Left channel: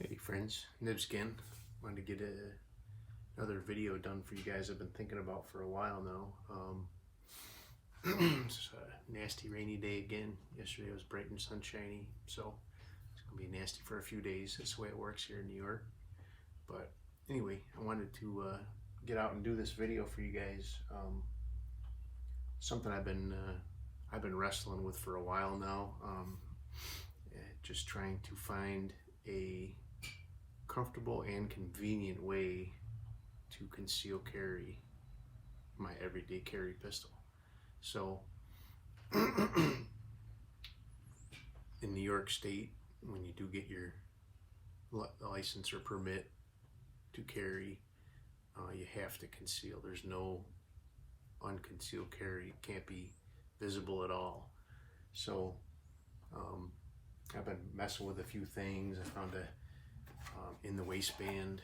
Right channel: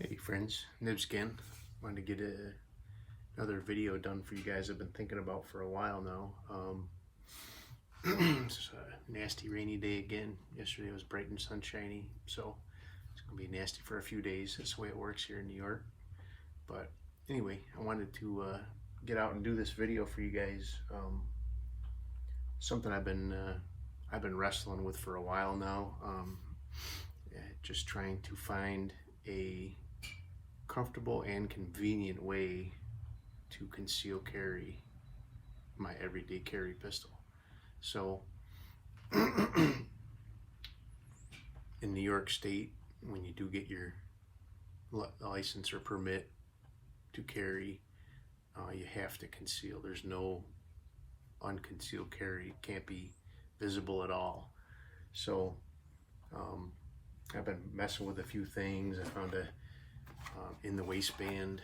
Hey friends, Nibs again. Wanted to get another video done for you guys I've been thinking about for a while now. It's a nasty rainy day again. Yesterday was bright and sunshiny, so it's going to be nasty for a few days. That's the way it works here in New York. But anyway, I wanted to get out and do this video for you guys. Something I've been wrestling with for a while now. Just trying to find a comfortable and convenient way to conceal carry my everyday carry pistol. So in New York State, when you do get your license or permit to carry, you have to conceal. There's no unconcealed carry. It can't be visible at all. So I've been messing with a few things. I found a in the waistband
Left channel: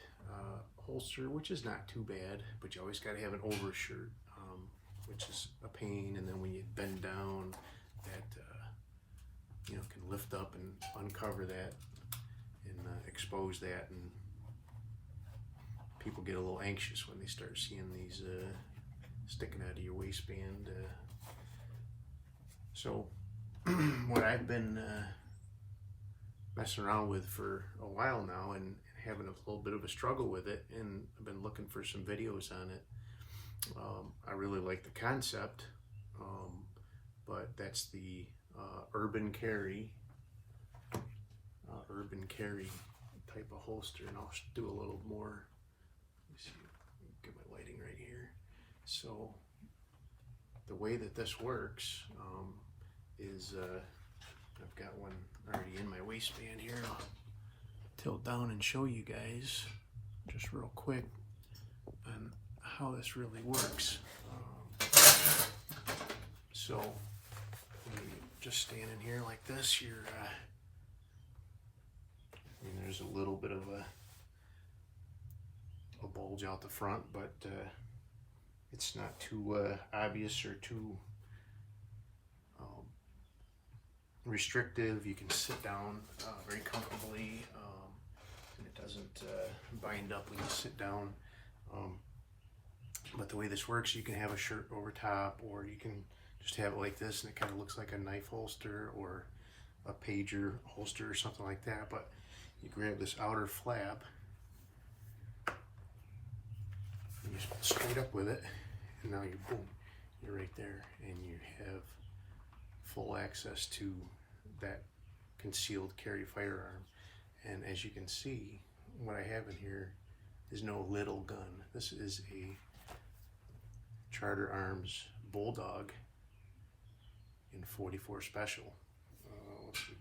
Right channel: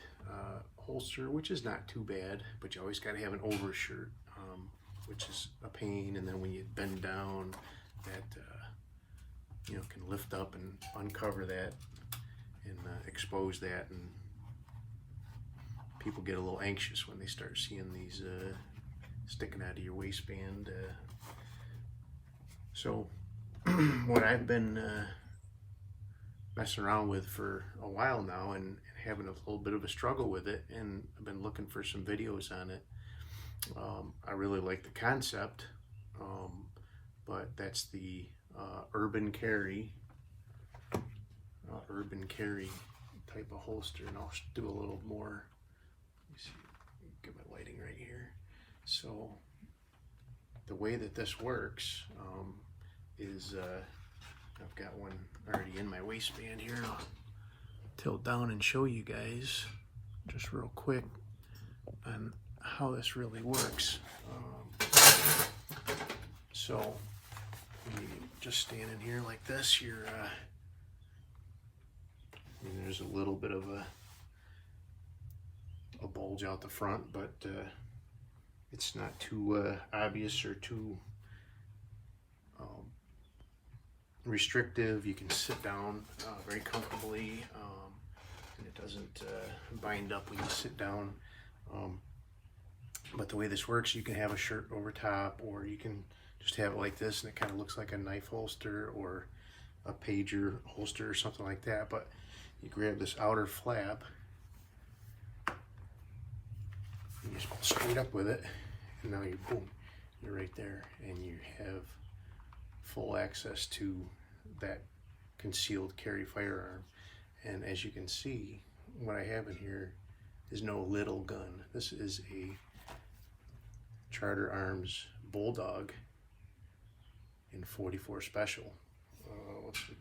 holster, which is not too bad, but you always got to have an overshirt, which is a pain. And then when you bend down, that can lift up and uncover that and expose that, and people get a little anxious when they start seeing these sticking out of your waistband. So what I've been messing around with for a while now and having a little bit of a struggle with it, and I've been looking for some videos on it. I really like the concept, but that's the urban carry type of holster, and I'll do a little more. Let me see, get my lighting right here. So the way that this works is I've got one already in my waistband here. I'll tilt down and show you guys just real quick on how this really works. So when you just standing here like this, you're there's a little bit of a bulge out the front, but it's not too obvious or too restrictive. You can sit down very comfortably, and it doesn't bind up when you sit down. But the way this works, you can have a shirt over top, or you can just have it like this, and it kind of looks like a knife holster or a pager holster or something like that. But you grab this outer flap, and you just go straight up with it, and now you're right there, and you have full access to that concealed carry firearm. And as you can see, what I have in here is no little gun. This is a Charter Arms Bulldog in 44 Special. Let's see.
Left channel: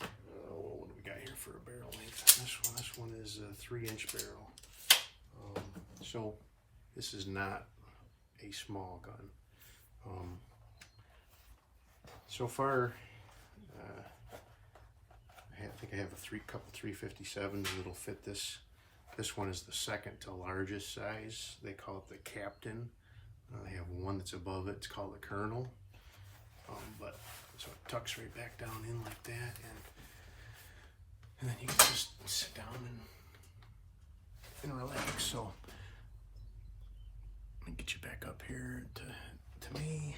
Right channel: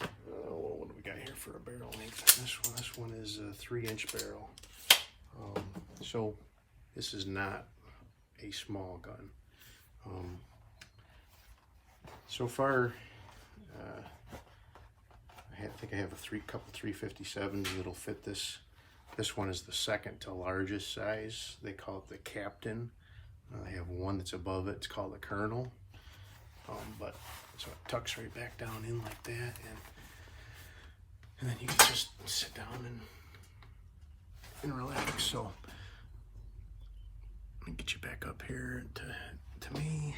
What do we got here for a barrel length? This one is a 3-inch barrel. So this is not a small gun. So far, I think I have a couple 357s that'll fit this. This one is the second to largest size. They call it the Captain. I have one that's above it. It's called the Colonel. But so it tucks right back down in like that, and then you can just sit down and relax. So let me get you back up here to me.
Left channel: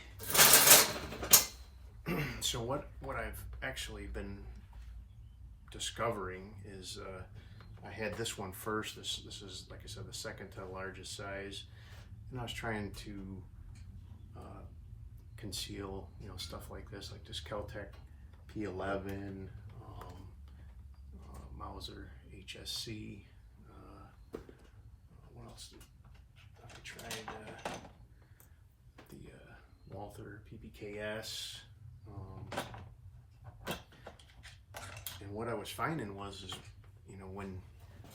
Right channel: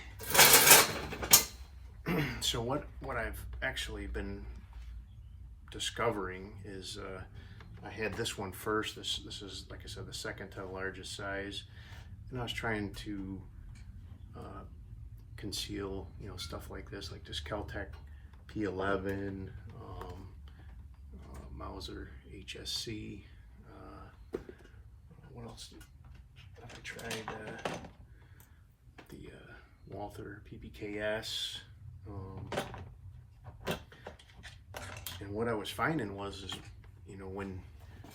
So what I've actually been discovering is I had this one first. This is, like I said, the second to largest size, and I was trying to conceal, stuff like this Keltec P11, Mauser HSC. What else have I tried? The Walther PPKS. And what I was finding was when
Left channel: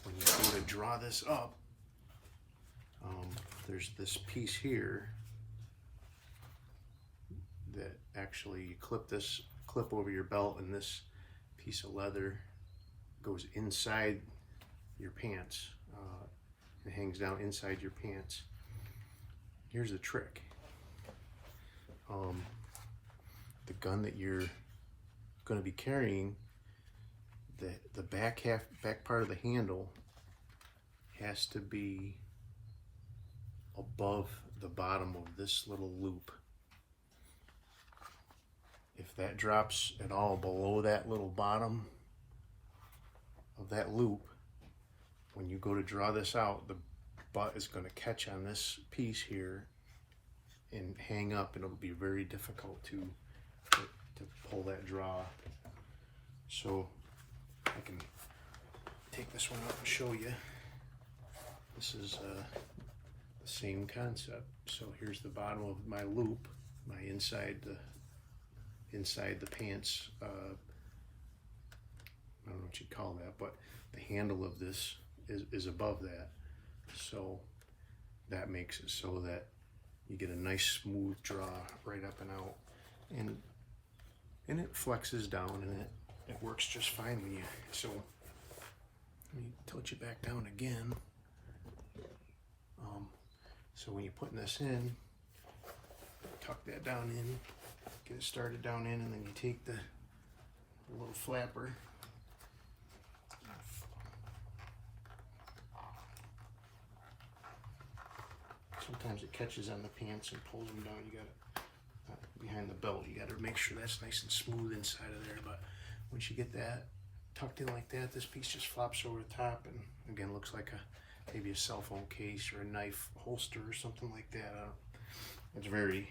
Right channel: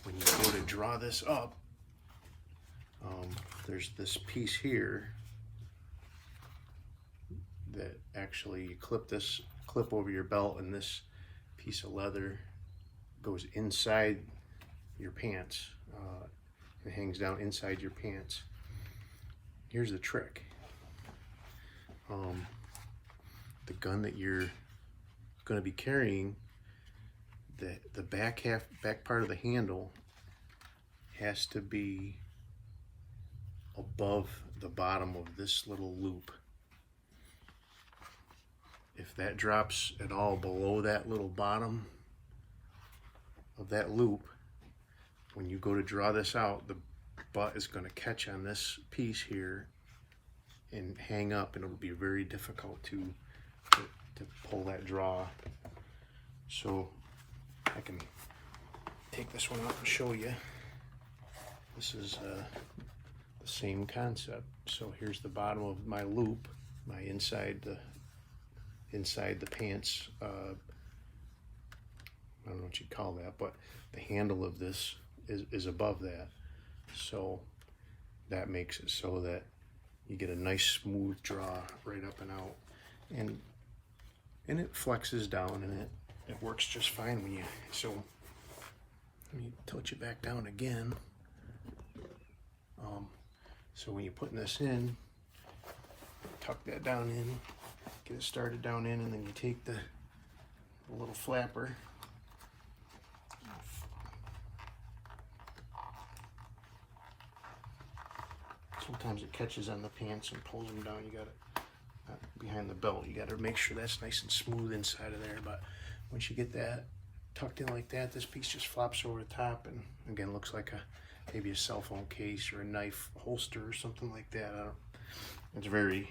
you go to draw this up, there's this piece here that actually you clip over your belt, and this piece of leather goes inside your pants. It hangs down inside your pants. Here's the trick. The gun that you're going to be carrying the back part of the handle has to be above the bottom of this little loop. If that drops at all below that little bottom of that loop, when you go to draw this out, the butt is going to catch on this piece here and hang up, and it'll be very difficult to pull that draw. So I can take this one out and show you. This is the same concept. So here's the bottom of my loop, my inside the pants. I don't know what you'd call that, but the handle of this is above that. So that makes it so that you get a nice smooth draw right up and out, and it flexes down, and it works just fine when you. So let me tilt you back down again. So when you're putting this in, tuck that down in, get it started down in, and then you take the little flapper. Sometimes it catches on the pants and pulls them down. You got it behind the belt. You got to make sure that's nice and smooth inside of there. But once you get that tucked in like that, this piece just flops over the top, and again looks like maybe a cell phone case or a knife holster or something like that. It's very.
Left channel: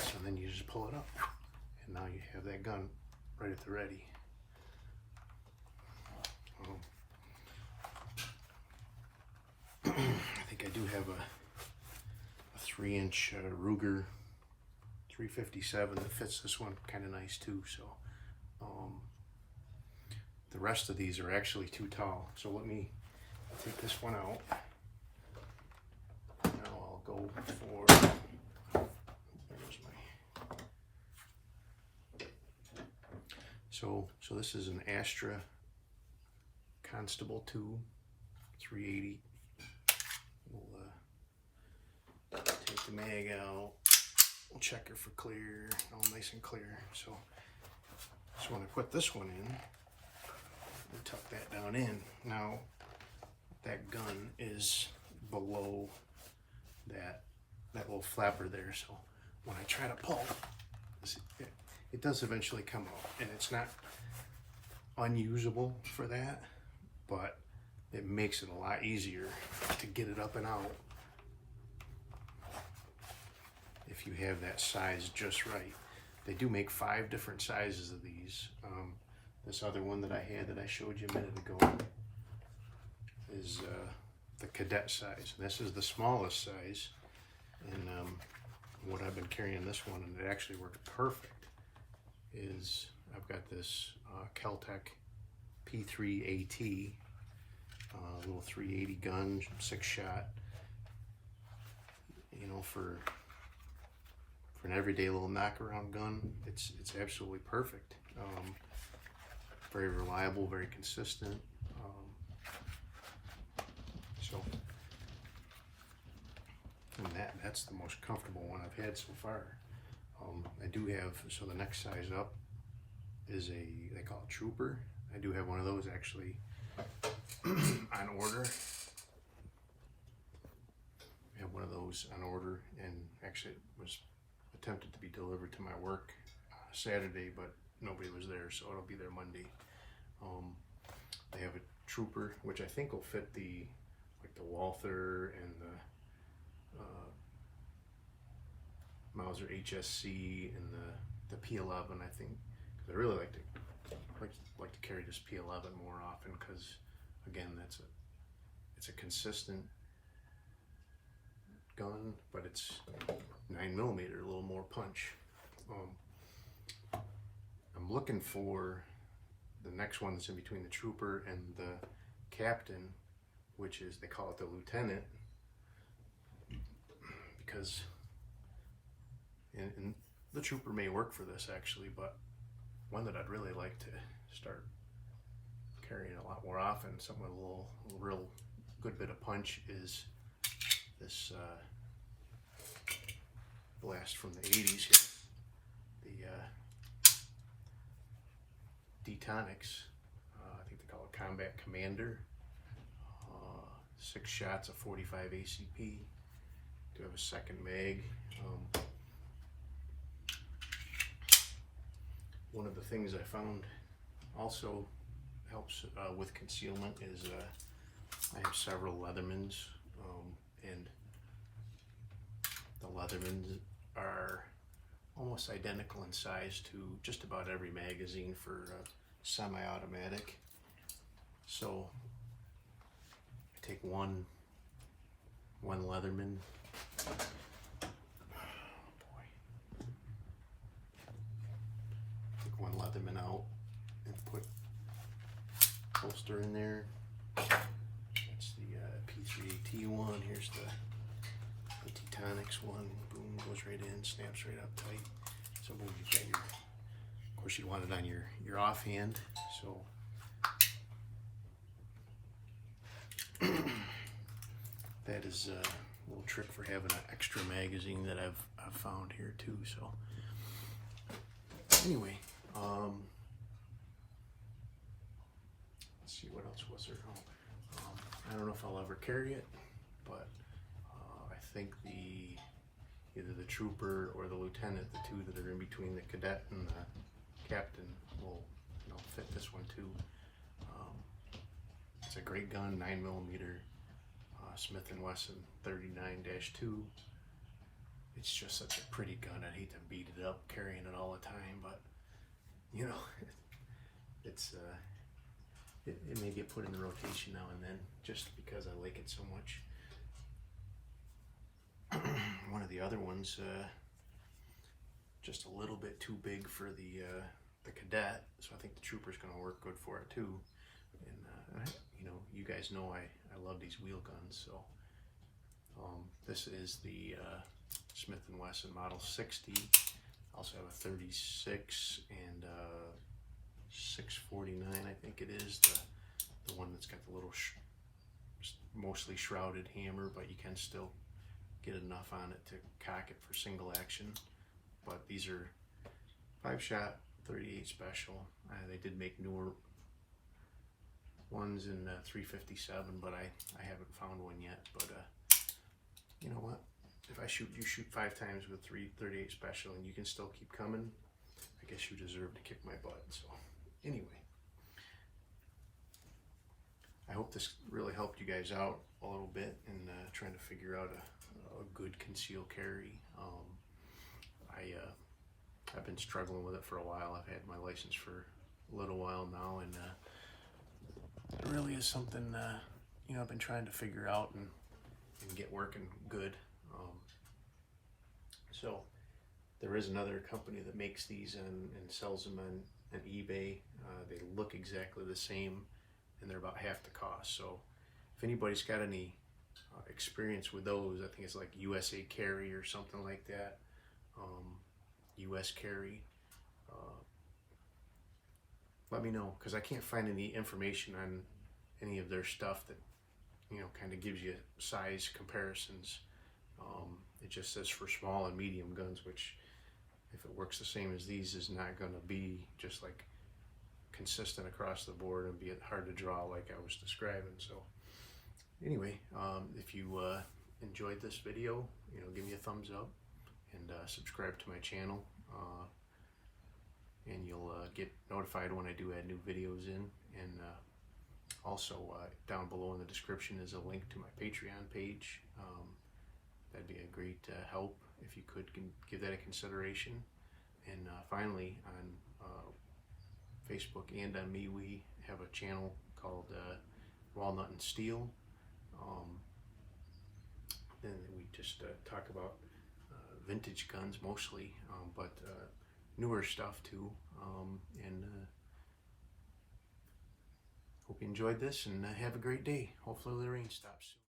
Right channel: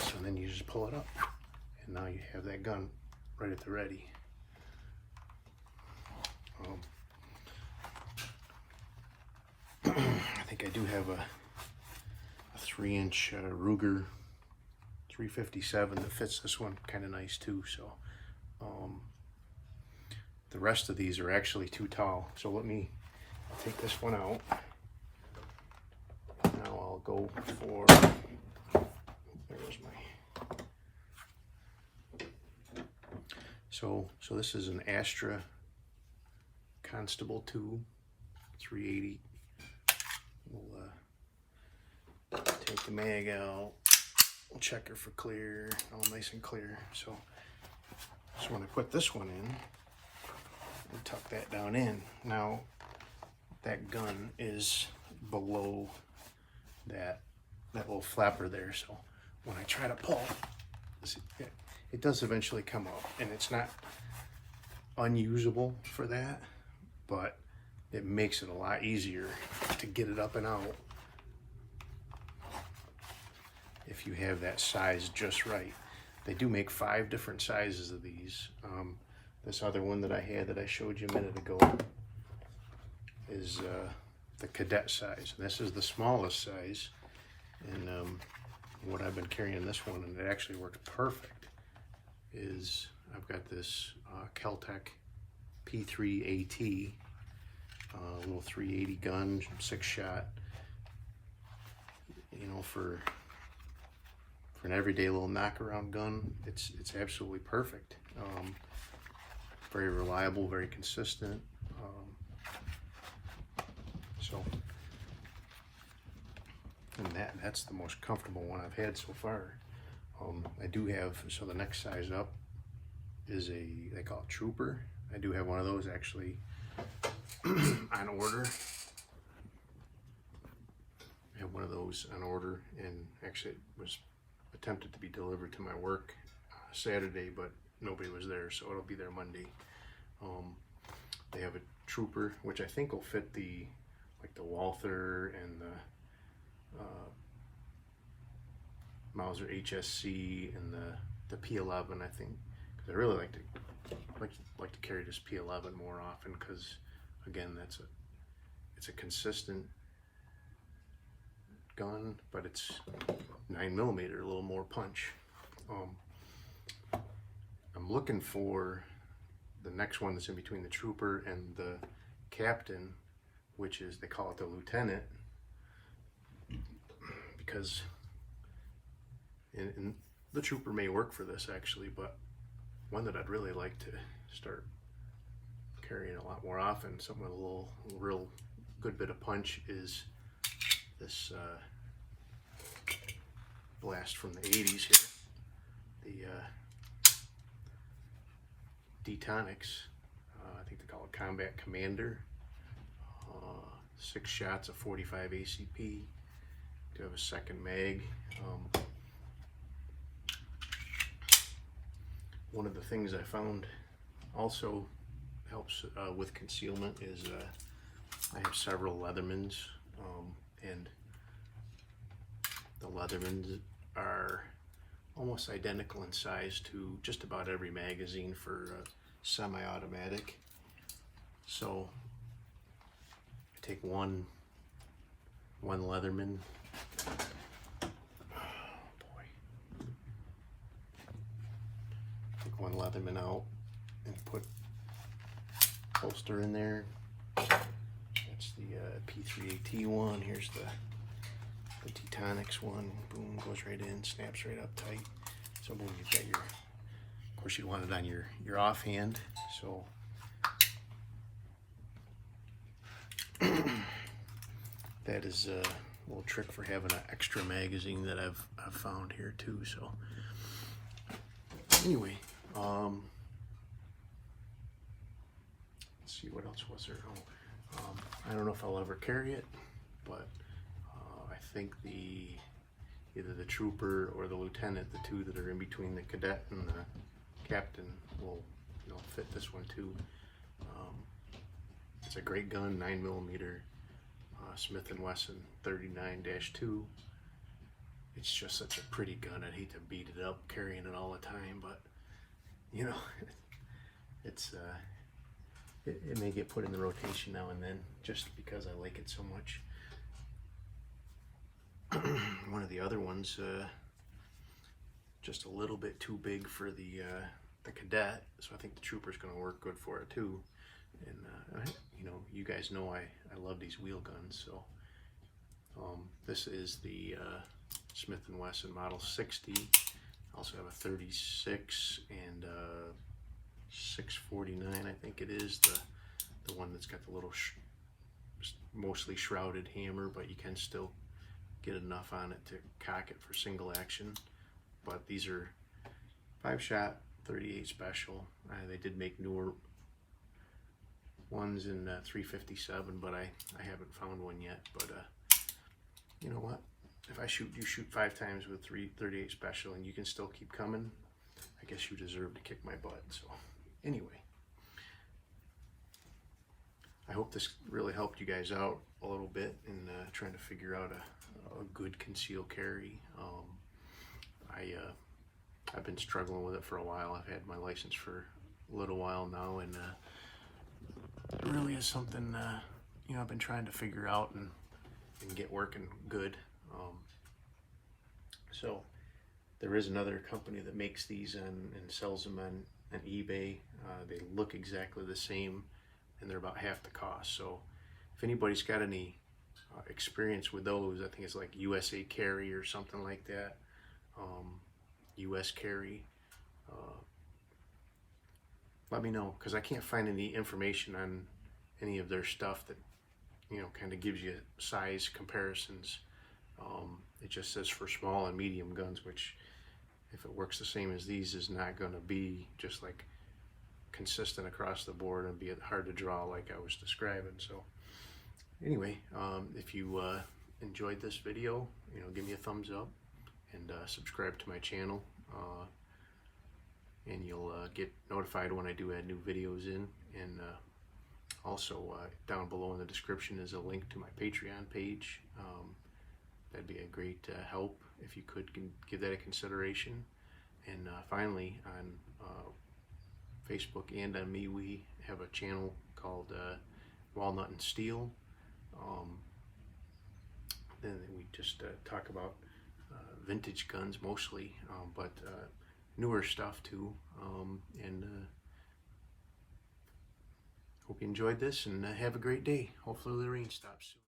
So then you just pull it up, and now you have that gun right at the ready. I think I do have a 3-inch Ruger 357 that fits this one kind of nice too. So the rest of these are actually too tall. So I'll take this one out. Now I'll go for. There's my. So this is an Astra Constable 2 380. We'll take the mag out. We'll check her for clear, all nice and clear. So when I put this one in, we'll tuck that down in. Now that gun is below that little flapper there. So when I try to pull, it does eventually come out, and it's not unusable for that, but it makes it a lot easier to get it up and out if you have that size just right. They do make 5 different sizes of these. This other one that I had that I showed you a minute ago is the cadet size. And this is the smallest size. And what I've been carrying this one, and it actually works perfect, is I've got this Keltec P3 AT. Little 380 gun, 6-shot. You know, for an everyday little knockaround gun, it's absolutely perfect. Very reliable, very consistent. And that's the most comfortable one I've had so far. I do have, so the next size up is they call it Trooper. I do have one of those actually on order. I have one of those on order, and actually it was attempted to be delivered to my work Saturday, but nobody was there, so it'll be there Monday. They have a Trooper, which I think will fit the Walther and the Mauser HSC and the P11, I think, because I really like to carry this P11 more often, because again, it's a consistent gun, but it's 9mm, a little more punch. I'm looking for the next one that's in between the Trooper and the Captain, which is, they call it the Lieutenant, because and the Trooper may work for this actually, but one that I'd really like to start carrying a lot more often, something with a real good bit of punch, is this blast from the 80s here, Detonics. I think they call it Combat Commander. 6 shots of 45 ACP. Do have a second mag. One of the things I found also helps with concealment is I have several Leathermans, and the Leathermans are almost identical in size to just about every magazine for semi-automatic. So I take one Leatherman. Oh boy. Take one Leatherman out and put holster in there. That's the P3AT one. Here's the Detonics one. Boom, goes right in, snaps right up tight. So boom, you've got your, of course you'd want it on your offhand. So that is a little trick for having an extra magazine that I've found here too. So anyway, let's see, what else was there? I don't know if I'll ever carry it, but I think either the trooper or the lieutenant, the two that are in between the cadet and the captain, will fit this one too. It's a great gun, 9mm Smith & Wesson 39-2. It's just such a pretty gun. I'd hate to beat it up carrying it all the time, but you know, it's it may get put in the rotation now and then just because I like it so much. One of the other ones, just a little bit too big for the cadet, so I think the trooper's going to work good for it too. And you know, you guys know I love these wheel guns. So this is the Smith & Wesson Model 60. I also have a 36 and 649, I think it is, the one that's got the little mostly shrouded hammer, but you can still get enough on it to cock it for single action. But these are 5-shot 38 special. They did make newer ones in 357, but I haven't found one yet. But you know what? If you shoot 5 times with 338 special and you can still keep coming, I guess you deserve to kick my butt. So anyway, I hope this really helped you guys out a little bit in trying to figure out a good concealed carry. I've been struggling with it for a while. I've had my license for a little while now, and it really is something you know, I've been trying to figure out and get working good. So there is another company that makes these and sells them on eBay. They look exactly the same, and they're about half the cost. So if anybody's got any experience with those, I think it's like USA Carry or something like that. US Carry. Let me know, because I can't find any information on any of their stuff that, you know, kind of gives you size comparisons. It just says for small and medium guns, which, if it works the same as these, is not going to be just like consistent across the board and be hard to draw like I was describing. So anyway, if you enjoyed this video, you know, give me a thumbs up and subscribe to my channel, and you'll get notified when I do add new videos in. And also down below in the description is a link to my Patreon page. That'd be a great help if you could give that a consideration. And finally, on Facebook and on me, we have a channel called Walnut and Steel. Then we just talk about vintage guns mostly, but newer stuff too. And hope you enjoyed this, and have a great day. Hopefully the rain stops soon.